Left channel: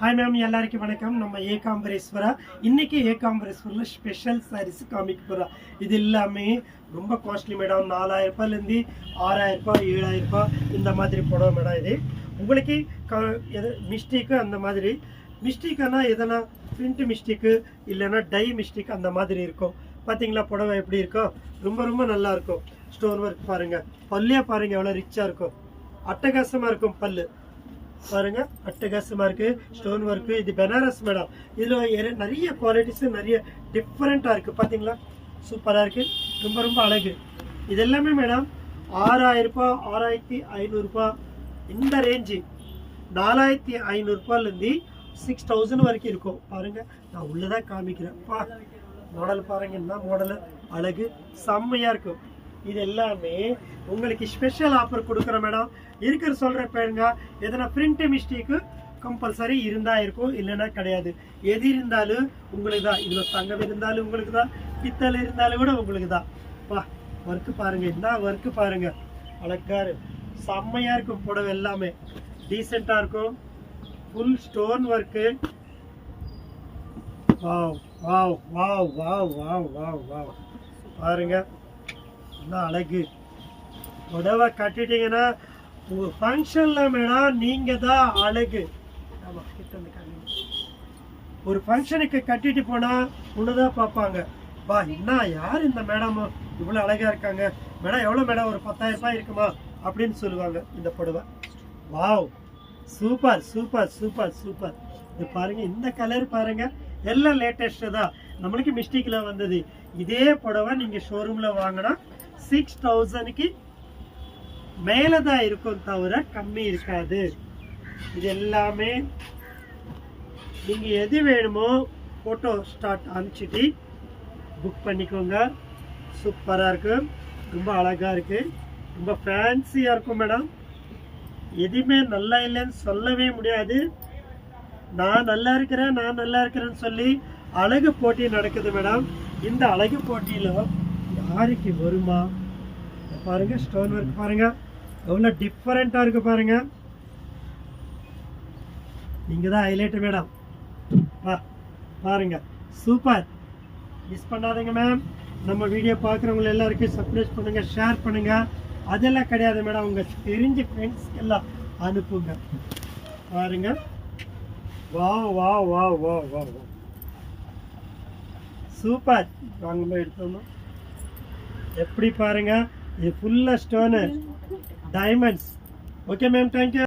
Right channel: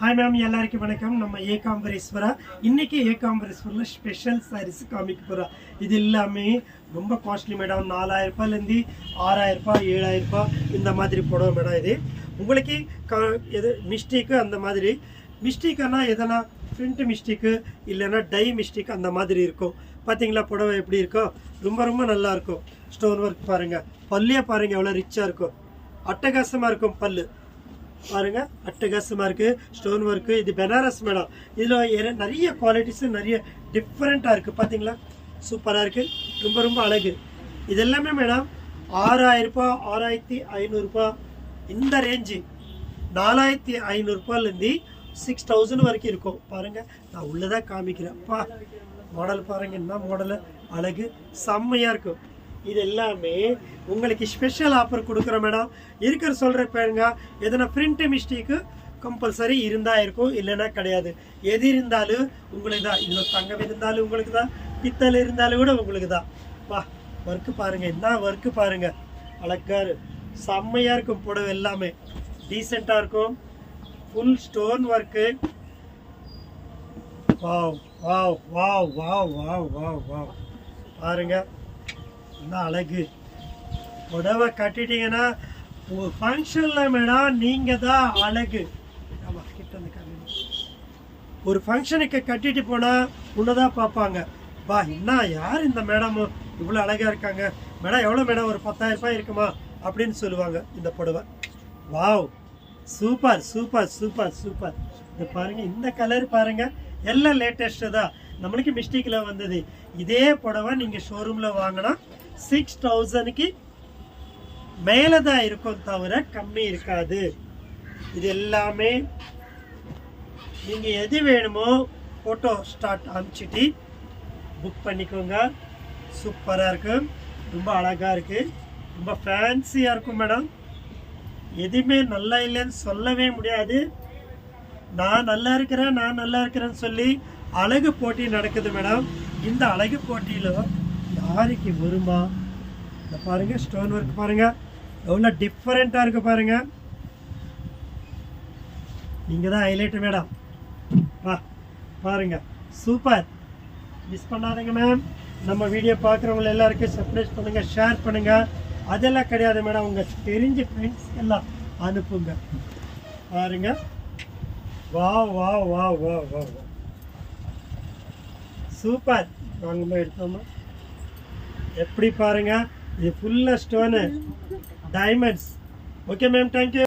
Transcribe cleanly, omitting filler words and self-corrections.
Hi ma'am, எல்லாருக்கும் வணக்கம். நம்ம ஏகாம்பரேஸ்வரா இன்னைக்கு ஏகாம்பரேஸ்வரில் ஸ்பெஷல் சாரீஸ் காமிக்க போகிறோம். இது எல்லாமே ரொம்ப காஸ்ட்லி மேடம். 4000 ரூபாயிலேருந்து 6000 ரூபாய் 7000 ரூபாய் இந்த மாதிரி புடவை மேடம். இது உங்களுக்கு எது மிஸ்டேக்கு அந்த மாதிரி மிஸ்டேக்கானா எதனா பிரிண்ட் மிஸ்டேக்கு இல்லைன்னா டை மிஸ்டேக் அந்த மாதிரி இருக்கும். பார்த்தீங்களா புடவை எப்படி இருக்கும்? ரொம்ப ரொம்ப நல்லா இருக்கும். ஸ்டோன் ஒர்க் பாருங்கள், பல்லே பாருங்கள் எவ்வளோ ரிச்சாக இருக்கும், அட்டகாசமாக இருக்கும். பல்லு பாருங்க, அட்டகாசமாக இருக்குது. Stone work. இது பெனாரஸ் மேடம். இதில் நிறைய குவாலிட்டிஸு நிறைய டிஃப்ரெண்ட்டாக இருக்குது. பார்த்தீங்களா, சூப்பராக இருக்குது. ரொம்ப ரொம்ப அழகு. இது எல்லாமே மேடம் 6000 ரூபாய் 6500 ரூபாய் இந்த ரேஞ்சு. 4500 ரூபாயிலேருந்து 6000 வரைக்கும் இருக்கும். பாருங்கள், நான் உள்ளதாக காமிக்கிறேன். மாடல் பாருங்கள், என்ன மாடலு, அழகு செம்மையாக இருக்கும். இது எல்லாமே உங்களுக்கு ஸ்பெஷல் ஆஃபர் கொடுக்குறோம் மேடம். இருக்கிற சொல்கிற பாருங்க, எதனா பிரிண்ட் மிஸ்டேக்கு கம்பல்சரி இருந்தால் இருக்கும், இல்லைன்னா கிடையாது. எது இருந்தாலும் உங்களுக்கு தான். இதில் தங்கம் இருந்தாலும் உங்களுக்கு தான், பித்தல் இருந்தாலும் கூட உங்களுக்கு தான். ஒர்க்கு பாருங்கள், என்ன ஒர்க்கு பாருங்கள், அழகாரு செம்மையாக இருக்கும். புடவை எல்லாமே டீசெண்டாக இருக்கும். Full stone work. Wow wow wow wow wow wow wow பாருங்கள், என்ன அழகு. புடவை கட்டிட்டீங்கன்னா ஒரு ஃபங்க்ஷனில் மேடம் நீங்கள் தான் அழகு. ஒரு ஃபங்க்ஷனுக்கு கட்டிட்டு போனால் உன்னதான் பார்ப்பாங்க. என்ன யார் இந்த மேடமும் இவ்வளோ அழகாக இருக்காங்க மேடம், எவ்வளோ மேடம், ஒரு 10,000 ரூபாய் இருக்குமா அப்படின்னு சொல்லுவாங்க. இந்த புடவை wow, super super super super. இது பாருங்கள், இந்த கலர் பாருங்கள், எல்லாம் லேட்டஸ்ட்டு தான். நம்மளுக்கு மிஸ்டேக்கில் வந்தது. இதே புடவை நீங்கள் ஷோரூமில் வாங்கினா 6000க்கு மேலே தான் இருக்கும், தவிர கம்மி இருக்காது. இது எல்லாமே நீங்கள் எது வேணுமோ ஃபோட்டோ ஸ்டார்ட் அனுப்பிச்சிட்டு புக் பண்ணிக்கோங்க. சூப்பராக இருக்குது, ரொம்ப அழகாக இருக்குது, ரொம்ப ஃபேன்சியாக இருக்கும் மேடம். எதுவுமே நல்லா இல்லைன்னு சொல்லவே முடியாது. நான் நல்லா இருக்கிறேன்னு சொல்லி அழகு போட்டி நடக்குது மேடம். இந்த அழகு போட்டியில் யாருக்கு வருமா பாருங்க. ஸ்டோன் ஒர்க் பாருங்க, எவ்வளோ டிஃப்ரெண்ட்டாக இருக்கு பாருங்க. நீங்கள் தான் ஹைலைட் மேடம். பாருங்க, சூப்பர். மிஸ் பண்ணாதீங்க மேம். நம்ம வீடியோ பார்க்குறவங்க எல்லாருக்கும் சப்ஸ்கிரைப் பண்ணுங்க, ஷேர் பண்ணுங்க. அதெல்லாம் கிடையாது மேடம், உங்கள் தெரிஞ்ச ஃப்ரெண்ட்ஸ் எல்லாம் அனுப்புங்க. பாருங்க, வா வா வா வா வா வா சூப்பர். வாங்கம்மா, எடுத்தோம்மா. எப்படி பாருங்க, இது ஃபுல்லாக stone diamonds. Okay ma'am, thank you.